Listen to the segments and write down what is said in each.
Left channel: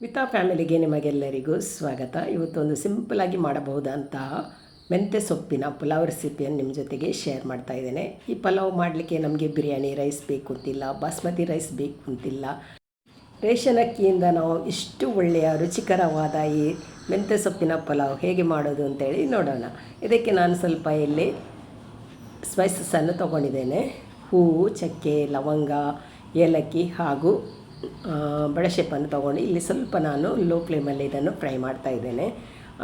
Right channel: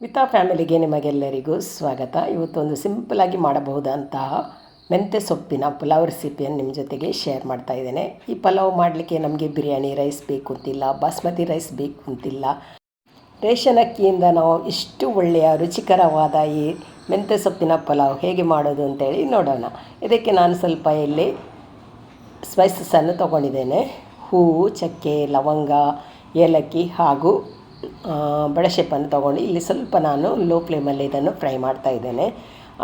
ವಿತಾ ಫ್ಯಾಮಿಲಿಗೆ ನಿಮಗೆಲ್ಲರಿಗೂ ಸ್ವಾಗತ. ಇವತ್ತೊಂದು ಸಿಂಪಲಾಗಿ ಮಾಡಬಹುದಂತಹ ಮೆಂತ್ಯ ಸೊಪ್ಪಿನ ಪಲಾವ್ ರೆಸಿಪಿಯನ್ನು ನಿಮ್ಮ ಜೊತೆಗೆ ಶೇರ್ ಮಾಡ್ತಾ ಇದ್ದೇನೆ. ಈ ಪಲಾವ್ ಮಾಡಲಿಕ್ಕೆ ನಮಗೆ ಬಿರಿಯಾನಿ ರೈಸ್ ಬೇಕು ಅಂತಿಲ್ಲ, ಬಾಸ್ಮತಿ ರೈಸ್ ಬೇಕು ಅಂತಿಲ್ಲ. ರೇಷನ್ ಅಕ್ಕಿಯಿಂದ ನಾವು ಇಷ್ಟು ಒಳ್ಳೆಯ ರುಚಿಕರವಾದ ಈ ಮೆಂತ್ಯ ಸೊಪ್ಪಿನ ಪಲಾವ್ ಹೇಗೆ ಮಾಡೋದು ಅಂತೇಳಿ ನೋಡೋಣ. ಇದಕ್ಕೆ ನಾನು ಸ್ವಲ್ಪ ಇಲ್ಲಿ ಸ್ಪೈಸಸನ್ನು ತೊಗೊಂಡಿದ್ದೇನೆ. ಹೂವು, ಚಕ್ಕೆ, ಲವಂಗ, ಏಲಕ್ಕಿ ಹಾಗೂ ಬಡಶೆಪ್ಪನ್ನು ತೊಗೊಂಡು ಇಲ್ಲಿ ಸ್ವಲ್ಪ ನಾನು ಲೋ ಫ್ಲೇಮಲ್ಲಿ ಇದನ್ನು ಫ್ರೈ ಮಾಡ್ತಾ ಇದ್ದೇನೆ.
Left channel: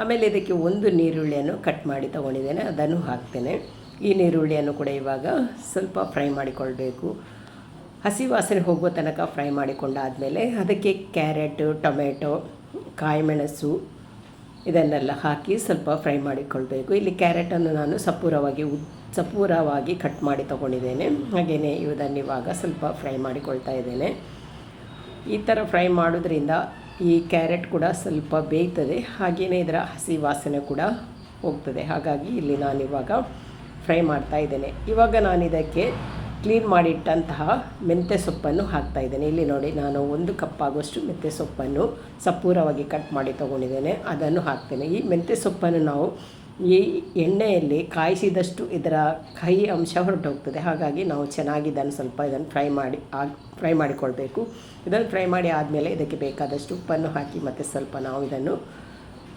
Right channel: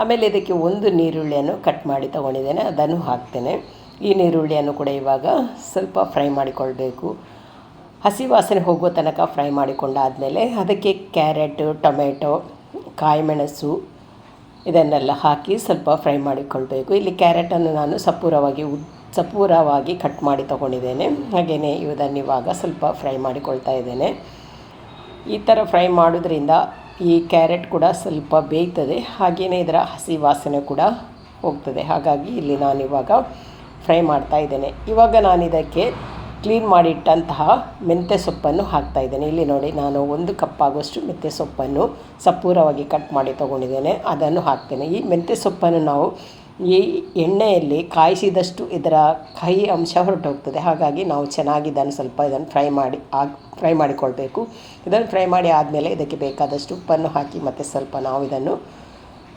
ಆಮೇಲೆ ಇದಕ್ಕೆ ಒಂದು ನೀರುಳ್ಳಿಯನ್ನು ಕಟ್ ಮಾಡಿ ತೊಗೊಂಡಿದ್ದೇನೆ, ಅದನ್ನು ಹಾಕ್ತೇನೆ. ಈ ನೀರುಳ್ಳಿಯನ್ನು ಕೂಡ ಇವಾಗ ಸ್ವಲ್ಪ ಫ್ರೈ ಮಾಡಿಕೊಳ್ಬೇಕು. ಹಸಿ ವಾಸನೆ ಹೋಗುವ ತನಕ ಫ್ರೈ ಮಾಡಿಕೊಂಡಾದಮೇಲೆ ಅದಕ್ಕೆ ಕ್ಯಾರೆಟು, ಟೊಮೆಟೊ, ಕಾಯಿಮೆಣಸು ಇದನ್ನೆಲ್ಲ ಹಾಕಿ ಸ್ವಲ್ಪ ಫ್ರೈ ಮಾಡಿಕೊಳ್ಬೇಕು. ಇಲ್ಲಿ ಕ್ಯಾರೆಟನ್ನು ನಾನು ಸಪೂರವಾಗಿ ಕಟ್ ಮಾಡಿ ತೊಗೊಂಡಿದ್ದೇನೆ. ಹಾಗೆಯೇ ಇದನ್ನು ಇವಾಗ ಸ್ವಲ್ಪ ಫ್ರೈ ಮಾಡಿಕೊಳ್ತಾ ಇದ್ದೇನೆ. ಈ ಥರ ಫ್ರೈ ಮಾಡೋದ್ರಿಂದ ಈ ಕ್ಯಾರೆಟ್ ಕೂಡ ಸ್ವಲ್ಪ ಬೇಯ್ತದೆ, ಹಾಗೆಯೇ ಇದರ ಹಸಿ ವಾಸನೆ ಕೂಡ ಹೋಗ್ತದೆ. ಹಾಗಾಗಿ ಇಲ್ಲಿ ನಾನಿವಾಗ ಫ್ರೈ ಮಾಡ್ತಾ ಇದ್ದೇನೆ. ಇವಾಗ ನಾನು ಇದಕ್ಕೆ ಕ್ಲೀನ್ ಮಾಡಿಟ್ಟಂತಹ ಮೆಂತ್ಯ ಸೊಪ್ಪನ್ನು ಹಾಕ್ತಾಯಿದ್ದೇನೆ. ಇಲ್ಲಿ ನೋಡಿ, ನಾನು 1 ಕಪ್ ಆಗುವಷ್ಟು ಮೆಂತ್ಯ ಸೊಪ್ಪನ್ನು ಸಪೂರವಾಗಿ ಕಟ್ ಮಾಡಿ ತೊಗೊಂಡಿದ್ದೇನೆ, ಅದನ್ನು ಹಾಕ್ತೇನೆ. ಈ ಮೆಂತ್ಯ ಸೊಪ್ಪನ್ನು ನಾವು ಈ ಎಣ್ಣೆಯಲ್ಲಿ ಕಾಯಿಸಿದಷ್ಟು ಇದರ ಕಹಿ ಅಂಶ ಹೊರಟೋಗ್ತದೆ. ಹಾಗಾಗಿ ನಾವು ಚೆನ್ನಾಗಿ ಇದನ್ನು ಫ್ರೈ ಮಾಡಿಕೊಳ್ಬೇಕು. ಇದನ್ನು ಫ್ರೈ ಮಾಡಿ ಆದಮೇಲೆ ಇದಕ್ಕೆ ಬೇಕಾದಷ್ಟು ಉಪ್ಪನ್ನು ಹಾಕಿ ಮತ್ತು ಸ್ವಲ್ಪ ನಾವು ಇದನ್ನು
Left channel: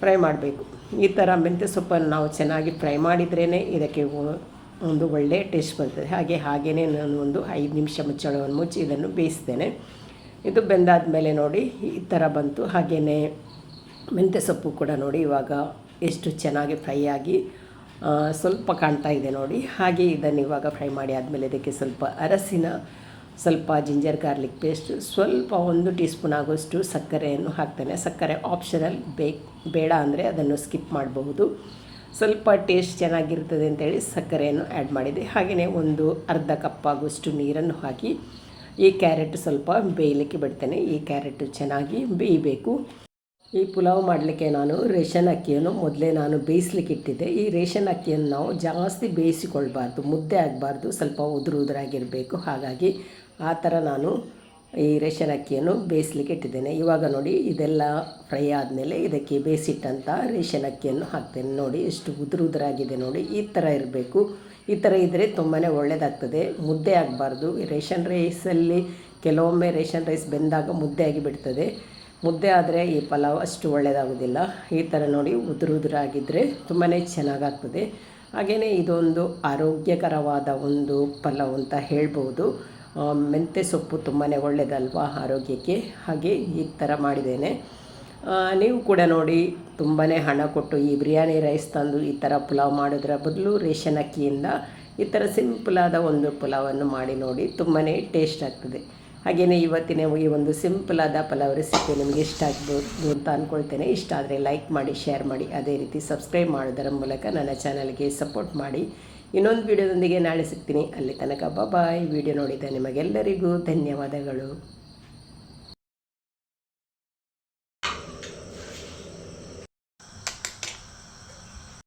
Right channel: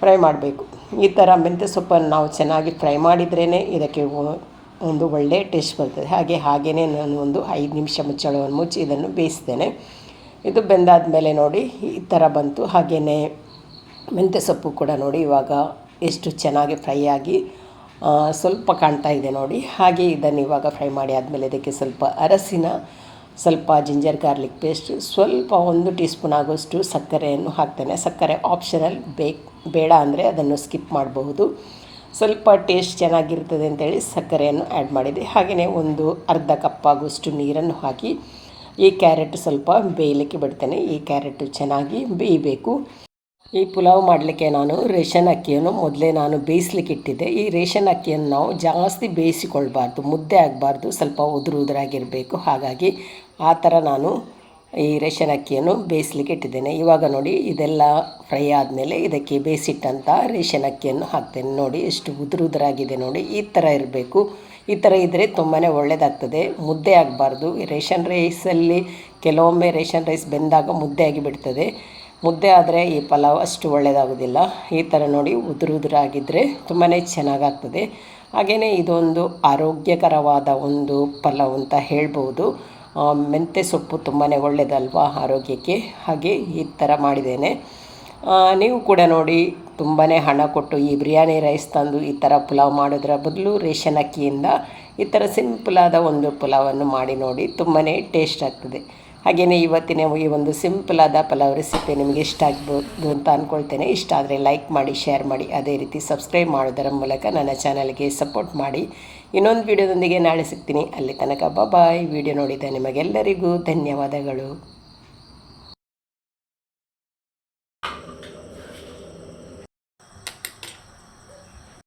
ಫ್ರೈ ಮಾಡಬೇಕು. ಈ ಥರ ಮೆಂತ್ಯ ಸೊಪ್ಪನ್ನು ನಾವು ಚೆನ್ನಾಗಿ ಫ್ರೈ ಮಾಡಿದ್ರೇ ಇದಕ್ಕೆ ಒಂದು ಒಳ್ಳೆಯ ಟೇಸ್ಟ್ ಬರ್ತದೆ. ಹಾಗೆಯೇ ನಾನು ಒಂದು 5 ನಿಮಿಷ ಮುಚ್ಚಳವನ್ನು ಮುಚ್ಚಿ ಇದನ್ನು ಬೇಯಿಸ್ತೇನೆ. ಇದು ಬೆಂದಾದ ಮೇಲೆ ನೋಡಿ ಈ ಥರ ಬಂತು. ಹಾಗೆಯೇ ಮೆಂತ್ಯ ಸೊಪ್ಪು ಕೂಡ ನೋಡಿ ಇವಾಗ ಎಷ್ಟು ಚೆನ್ನಾಗಿ ಫ್ರೈ ಆಗಿ ಸ್ವಲ್ಪ ಕಾಣ್ತಾ ಇದೆ ನೋಡಿ. ಹಾಗೆ ಇದನ್ನು ಇವಾಗ ಫ್ರೈ ಮಾಡಿ ಆದಮೇಲೆ ಇದಕ್ಕೆ ಸ್ವಲ್ಪ ಅರಸಿನ, ಸ್ವಲ್ಪ ಜಿಂಜರ್ ಗಾರ್ಲಿಕ್ ಪೇಸ್ಟ್, ಸ್ವಲ್ಪ 1 ಟೀ ಸ್ಪೂನ್ ಆಗುವಷ್ಟು ಸಕ್ಕರೆಯನ್ನು ಹಾಕ್ತೇನೆ. ಸಕ್ಕರೆ ಆಪ್ಷನಲ್, ಬೇಡ ಅಂದರೆ ಅದನ್ನು ಸ್ಕಿಪ್ ಮಾಡಬಹುದು. ಸ್ವಲ್ಪ ಟೇಸ್ಟ್ ಚೆನ್ನಾಗಿರ್ತದೆ ಅಂತೇಳಿ ಸಕ್ಕರೆಯನ್ನು ಆ್ಯಡ್ ಮಾಡಿದೆ. ಹಾಗೆಯೇ ಒಂದು ಅರ್ಧ ಕಪ್ ಆಗುವಷ್ಟು ನೀರನ್ನು ಹಾಕಿ ಈ ಕ್ಯಾರೆಟ್ ಸ್ವಲ್ಪ ಬೇಯಲಿಕ್ಕೆ ಬಿಡ್ತೇನೆ. ಈ ಕ್ಯಾರೆಟ್ ಚೆನ್ನಾಗಿ ಬೇಯಬೇಕು. ಈ ಪುಲಾವ್ ಮಾಡಲಿಕ್ಕೆ ನಾನು ರೇಷನ್ ಅಕ್ಕಿಯನ್ನು ಮೊದಲೇ ಬೇಯಿಸ್ಲಿಕ್ಕೆ ಇಟ್ಟಿದ್ದೆ. ಈ ರೇಷನ್ ಅಕ್ಕಿಯನ್ನು ನಾವು ಜಾಸ್ತಿ ಬೇಯಿಸಿಕೊಳ್ಬಾರ್ದು, ಮುದ್ದೆ ಆಗಬಾರ್ದು, ಸ್ವಲ್ಪ ಉದುರಾಗಿರಬೇಕು. ಹಾಗಾಗಿ ಆ ಥರ ನಾನು ಈ ರೇಷನ್ ಅಕ್ಕಿಯನ್ನು ಬೇಯಿಸ್ಲಿಕ್ಕೆ ಇಟ್ಟಿದ್ದೇನೆ. ಇವಾಗ ನೋಡಿ ಇದೆಲ್ಲ ಫ್ರೈ ಆದಮೇಲೆ ಇದಕ್ಕೆ ಬೇಯಿಸಿಟ್ಟಂಥ ರೇಷನ್ ಅಕ್ಕಿಯನ್ನು ಹಾಕ್ತೇನೆ. ನೋಡಿ ಎಷ್ಟು ಉದುರಾಗಿದೆ ನೋಡಿ, ಈ ಥರ ಇರಬೇಕು. ಈ ಥರ ಇದ್ದರೆ ತುಂಬಾ ಒಳ್ಳೆಯದಾಗ್ತದೆ, ಮುದ್ದೆ ಆಗಬಾರ್ದು. ರೇಷನ್ ರೈಸಲ್ಲಿ ಕೆಲವೊಮ್ಮೆ ರೇಷನ್ ರೈಸ್ ಬೆಂದಾಗ ಮುದ್ದೆ ಆಗಿಬಿಡ್ತದೆ. ಮುದ್ದೆ ಆದರೆ ಈ ಪಲಾವ್ ಅಷ್ಟು ಒಳ್ಳೆಯದಾಗೋದಿಲ್ಲ. ಈ ಥರ ನೋಡಿ ಉದುರಾಗಿದ್ದರೆ ತುಂಬಾ ಚೆನ್ನಾಗಾಗ್ತದೆ. ಹಾಗೆಯೇ ಇದೊಂದು ಆರೋಗ್ಯಕರವಾದ ಒಂದು ಪಲಾವ್ ಅಂತ ಹೇಳ್ಬೋದು. ಮೆಂತ್ಯ ಸೊಪ್ಪು ತುಂಬಾ ಒಳ್ಳೆಯದಲ್ವಾ ಆರೋಗ್ಯಕ್ಕೆ. ಹಾಗೆ ಈ ಥರ ಮಾಡಿದ್ದೇನೆ. ನೀವು ಕೂಡ ನೋಡಿ ತುಂಬಾ ಹಣ ಕೊಟ್ಟು ಈ ಬಿರಿಯಾನಿ ರೈಸ್ ತಂದು ಈ ಥರ ಪುಲಾವ್ ಮಾಡೋದ್ರ ಬದಲು ರೇಷನ್ ಅಕ್ಕಿಯಿಂದ ಈ ಥರ ಸಿಂಪಲಾದ ಒಂದು ಪುಲಾವನ್ನು ಮಾಡಿ ನೋಡಿ, ತುಂಬಾ ಟೇಸ್ಟ್ ಆಗ್ತದೆ. ಹಾಗೆಯೇ ಇವತ್ತಿನ ಈ ಒಂದು ಸಿಂಪಲಾದ ಪಲಾವ್ ರೆಸಿಪಿ ನಿಮಗೆ ಇಷ್ಟ ಆಗ್ಬೋದು ಅಂತ ಅಂದ್ಕೊಳ್ತೇನೆ. ಇಷ್ಟ ಆದರೆ ಲೈಕ್ ಮಾಡಿ, ಶೇರ್ ಮಾಡಿ, ಅದೇ ರೀತಿ ಸಬ್ಸ್ಕ್ರೈಬ್ ಮಾಡೋದರ ಮೂಲಕ ನನ್ನ ಚಾನಲ್ಗೆ ಸಪೋರ್ಟ್ ಮಾಡಿ. ಇನ್ನೊಂದು ವಿಡಿಯೋದೊಂದಿಗೆ ನಾಳೆ ಸಿಗ್ತೀನಿ. ಅಲ್ಲಿ ತನಕ ಬಾಯ್. ವಿಡಿಯೋ ನೋಡಿದ ನಿಮಗೆಲ್ಲರಿಗೂ ಧನ್ಯವಾದಗಳು.